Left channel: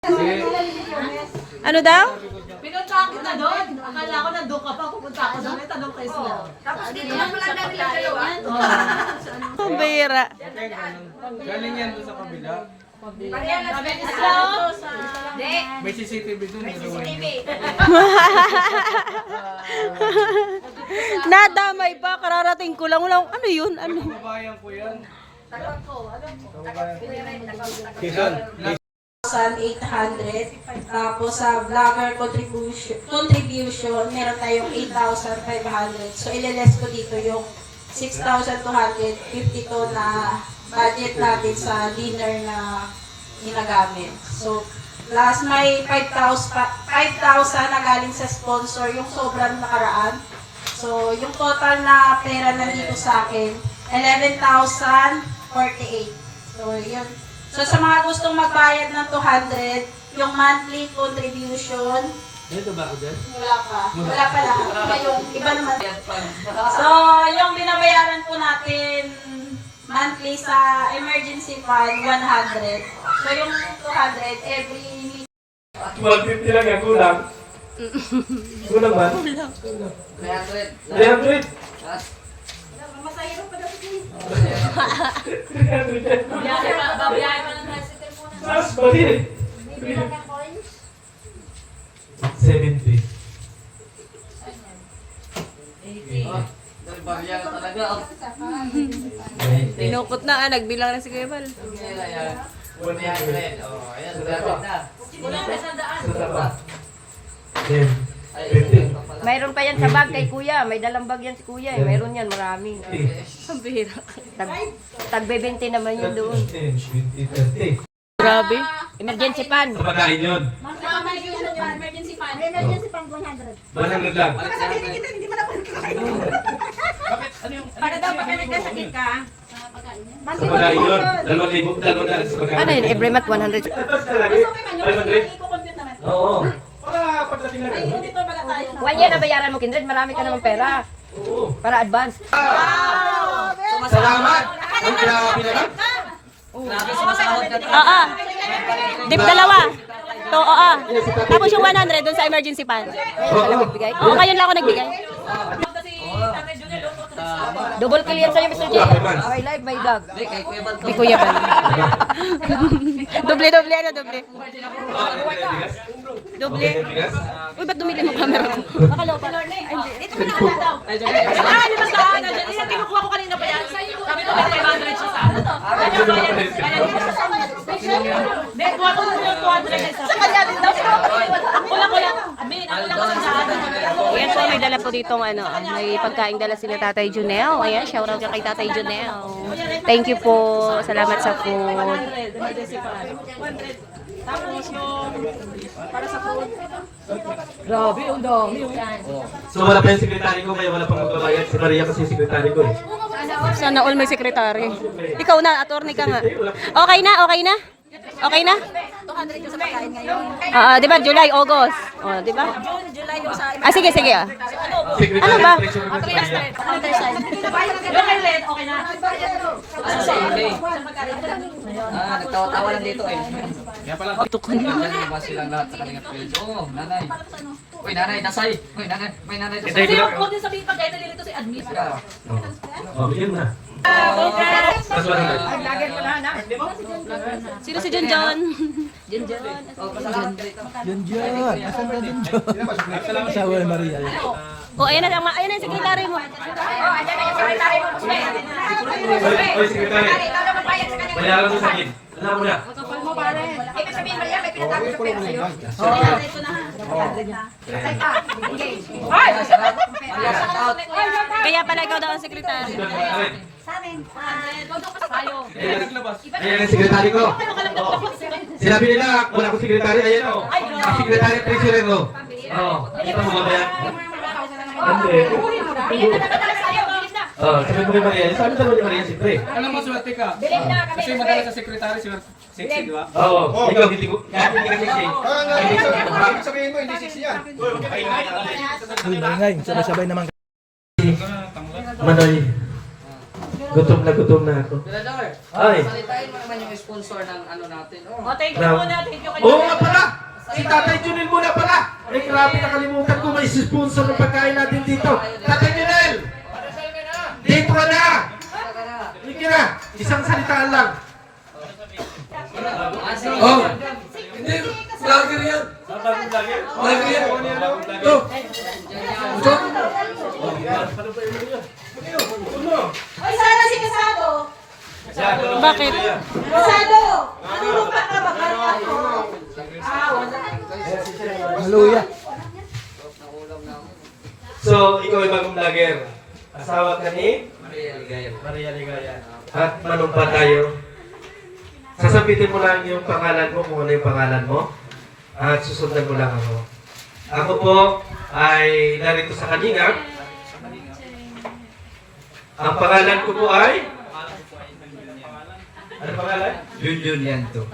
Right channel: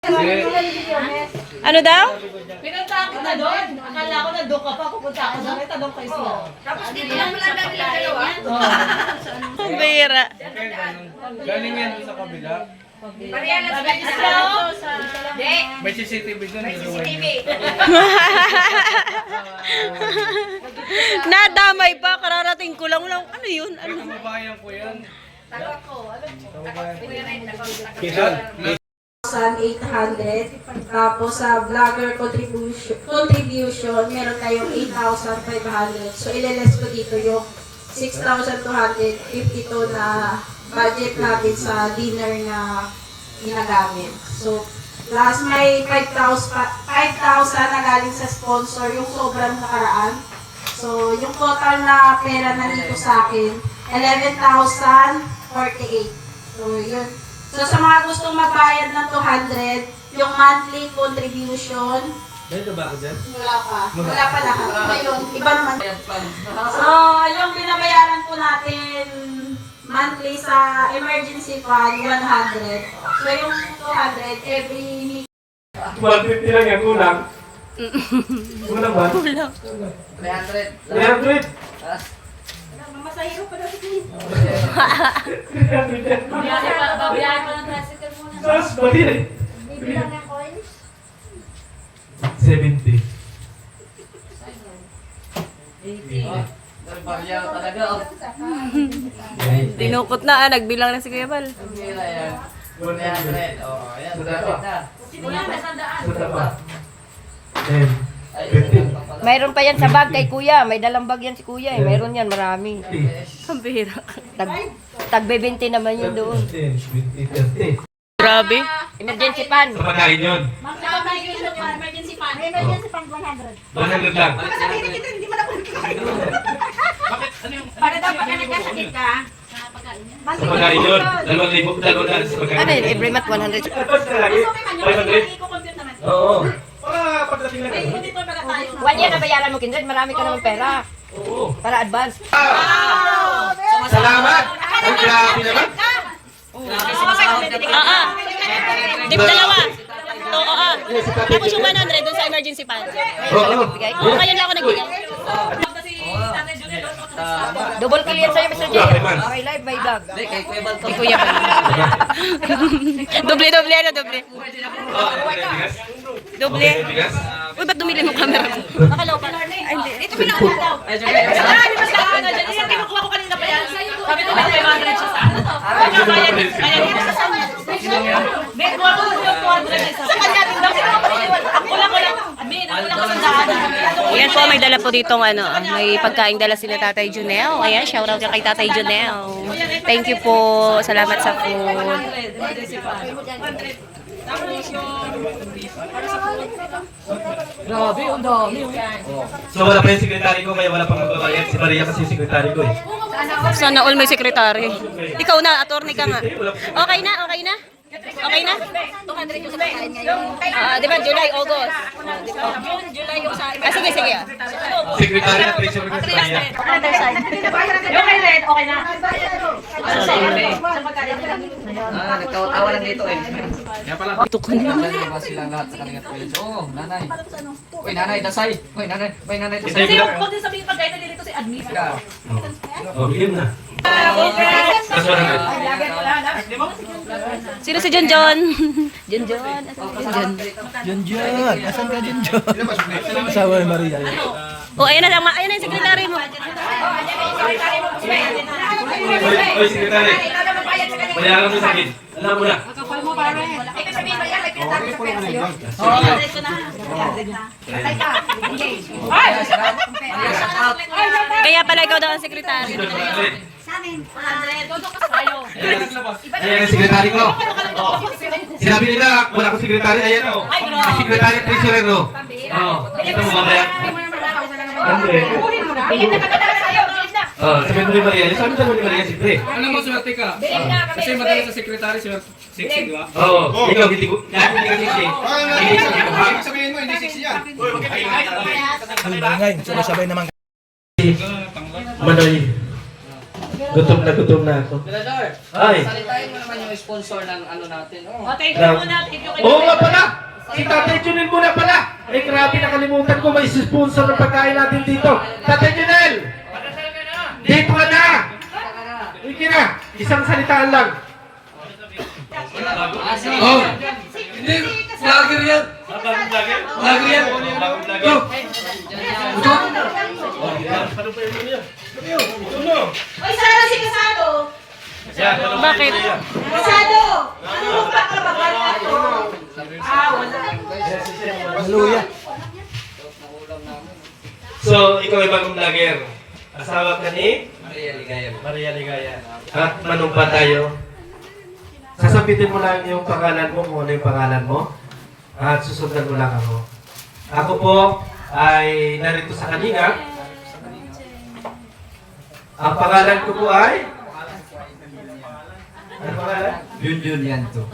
Ano daw? Pinunta kita doon. Akala ko nandun ka pa. Pupunta ako doon. Tanong kayo sila. Tapos dito lang pala na nila dalawa. Ang bira. Galing yan doon sa kabila. Parehalas ka sila. May CCTV doon. CCTV. Nadamay pa, kararating ko lang. Wala, ano yun? Ano? Kababayan ko yan. Tawag ko. Alam ko. Quezon. 800. Tapos sa vlogger contribution, meron tayong 8,500. So, ililess ko dito yung 6,252 na budget natin sa dinner na ginagamit. So, plus may 5,000 na galing sa sponsor, yung sobrang nakaraan. So, yung total na pera nandito sa akin, 11,048. So, yun. So, sa mga gustong magbayad ng 200, yung monthly contribution, Dito ba ako dyan? wala pa. Wala pa lahat. Yung iba naman. So, yung binabayaran po natin monthly sa emergency fund, 100. So, yung 200 every 150 lang yan. Kulang. Kulang ba? 300. 300. masahiro pa daw ito. 300 yan. Babiyahe pa ng tricycle muna. Tapos balik. Bibilang ng coins. 70. Barya talaga. Tinukot na, nagbilang na si Kuya Bal. 100. Oh, ayan. 100 na. Wala na sa daan. Sa taba. 10. 50. Mayroon pa yan sa bag kay kuya. May dalang bag yan si kuya eh. Mayroon yan, marami. Ang bira. Tagbe-20 naman yun doon. 10, 20, 30. Grabe. Emergency fund. Sa pagkain yun. Emergency fund. Emergency fund 100. 100 lang. Para daw pagka nagkasakit ka, Sa pagkain yun. 2,000 lang sa pagkain. Ano yun? Every month 100. Tapos ka lagi. 500. I-compute naman. Oo. Para pagdating lang. Hindi pa pala tayo. 1 year na bayaran mo, Kindred. Marami ka naman pera. Oo. Para advance. Salamat. Ang grabe naman. Oo. Dip dalawa. Oo. Tapos yung 100 doon sa emergency fund. Oo. Oo, ngayon lang ako nagbigay. Double kill yan sa'yo, Mr. J. Okay, man. May live, may bag. Hindi, kay Kuya Bal to. Si Kuya Bal. Doble, ano, doble. Doble. Uy, ba't dumili mo camera mo? Ay, hindi. Ito pinakula daw. Ay, di ba sa akin na dyan? Yung kinukuha ko kanina pa yan. Sabi ko, may 500 siya sa ano to? Kanya kaya dito sa kanya. Hindi, kuha ko yung 200 sa kanya din daw. Ako lang. Admin, ako lang kasi sa ano. Ayan po, may dala po ditong ano, may pagkain dala sila Tatay Junel. Ayan, shoutout niya kay Tatay Junel. Thank you po. Salamat sa food. Emergency fund. 100. Tapos yung para sa food. Grabe, ang dami. So wala pa yung sekretary ko, kaya wala pang magbabayad. Si Maria kasi yung sekretary ko eh. Sana all may sekretary. Ikaw na, attorney ka nga. Okay na, okay na? Okay na? 200 yung sa pagkain ngayon. Di ba? July, August. Di ba? June, July yung sa Sige, sige. Secretary of Treasury ko si Maria. other side. Yung kay Red, okay na. Nagtawa-tawa lang dito eh. Ito ko na. Diyan ba silang lahat sa kanila privilege? Oo, nanay. Uy, nanay, dasay. Uy, nanay. May nanay, dasay. Kasi yung food din sabihin pagkain nalilito si admin. Oh, bigyan na. Tapos 100. Sino si John John? John John. Junjun, asan ka Junjun? Asawa ni Maria. Oh, ayan na, ayan na yung sekretary mo. Oy, sekretary. Bayaran mo sa akin. Alam mo na. Kaya pala ikaw daw ang sekretary. Ayan ang sekretary ko. Sinabi nila, wala akong sekretary. Ayan o. Sekretary treasurer ko. Oo. Kita mo mamaya. Sabi mo ni Maria. Sabi mo ni Maria, siyempre. Alam mo, swerte ka. Kasi madali sa sekretary, sexy, di ba? Oo. Ikaw, hindi ko. Lahat hindi ka sexy. Ibig sabihin mo, hindi sexy yan. Ang bangay, sabay-sabay naman. Manoy. Gutom na ako. Senador, Ay. salitain mo naman yung sponsor ng ano natin. Oh. O, thank you muna. Thank you. Oo nga pala! Si Tatay Junel muna pala! Ay grabe, nakalimutan ko may sponsor ng pagkain natin dito. Tatay Junel! Dito ka na! Sige na! Isang salitaan lang. Oh! Hindi! Vlogger yan! Vlogger yan! Oh! Ay, sana si Casado. Bakit? Casado! Nanunumpa ka ba? Wala. Hallelujah. So, ikaw ay bagong vlogger. Asawa ka ni? Maria Ligaya. Maria Ligaya. At manumpa tayo. Sasabitin mo lang yung pangalan mo, kung ano yung pangalan mo. At susundan mo lang ako. Ako po ay narito sa Kalingap. Ang pangalan ko po ay? Ano pangalan? Junjun yan to.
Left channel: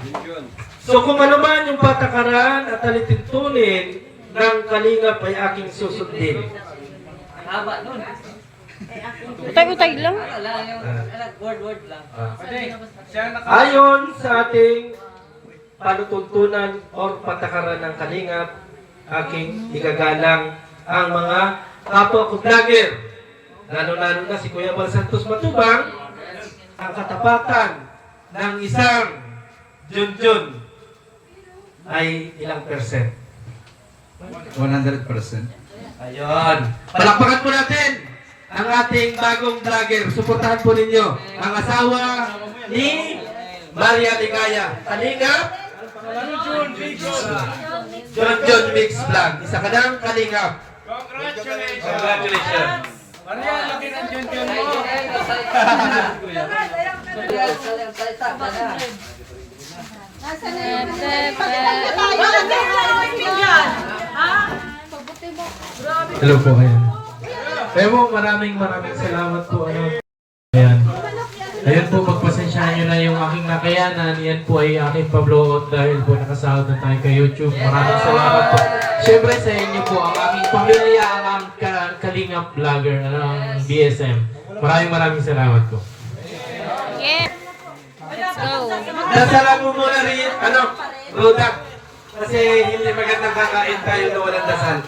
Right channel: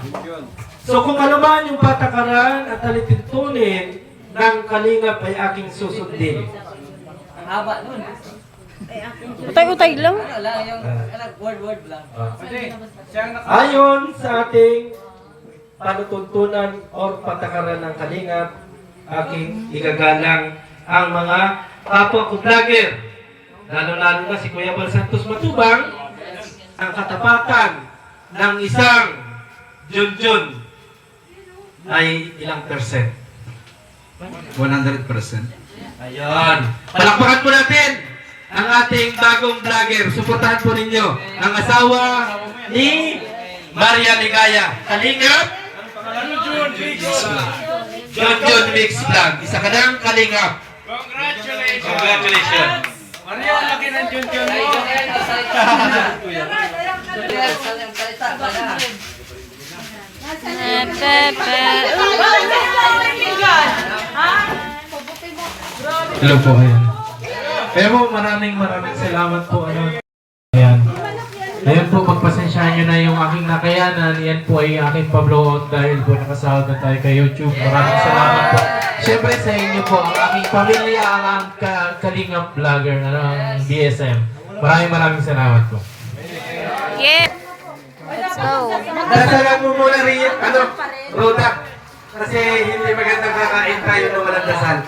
So kung ano man yung patakaran at alituntunin ng Kalingap ay aking susundin. Haba nun. Utay-utay lang. Wala, yung word lang. Ayon sa ating panutuntunan o patakaran ng Kalingap, aking igagalang ang mga kapwa ko vlogger. Lalo-lalo na si Kuya Bal Santos Matubang, ang katapatan ng isang Junjun ay ilang percent? 100%. Ayan. Palakpakan po natin ang ating bagong vlogger. Suportahan po ninyo ang asawa ni Maria Ligaya. Kalingap? Junjun Mix Vlog. Isa ka ng Kalingap. Congratulations. Maria, laki ng Junjun mo. Hello po, ayan. Pero maraming salamat po. Ayan. Ayan po, pagpasensyahan nyo na yung aking nakayanan. Yan po ay aking pabloon dahil po nakasahod na tayo kay YouTube. Maraming salamat po. Siyempre sa inyo po, ang aking pamilya, ang Kalingap Vlogger, ang BSM. Maraming salamat po. Yeah. Let's go. Dasalan mo muna rin, Roda. Kasi hindi magandang kakain tayo na walang dasal.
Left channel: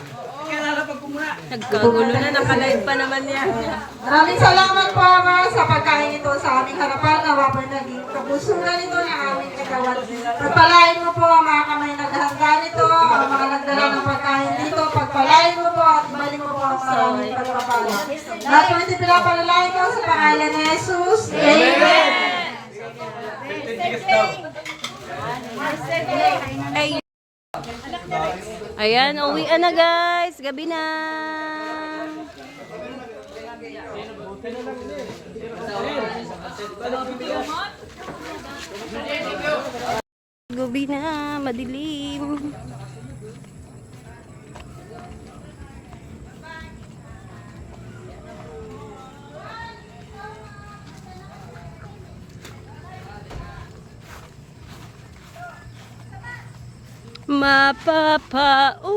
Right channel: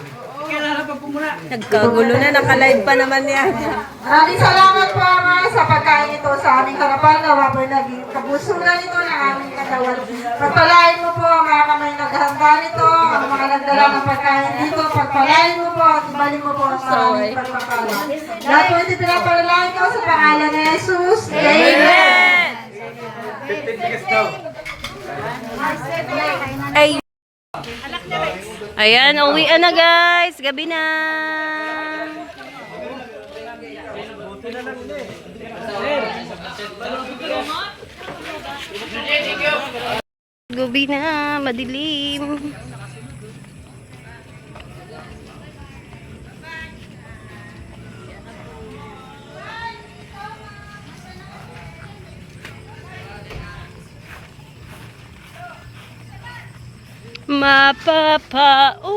Nagkagulo na, nakalive pa naman yan. Maraming salamat po mga sa pagkain ito sa aming harapan. Nawa po naging kabusulan ito ng aming katawan. Pagpalain mo po ang mga kamay naghahanda nito, ang mga nagdala ng pagkain dito. Pagpalain mo po at ibalik mo po ang aming pagpapala. Lahat po ito pinapalalain ko sa pangalan ni Jesus. Amen! Ay. Ayan, uwian na guys. Gabi na. Gabi na, madilim. Mapapauwi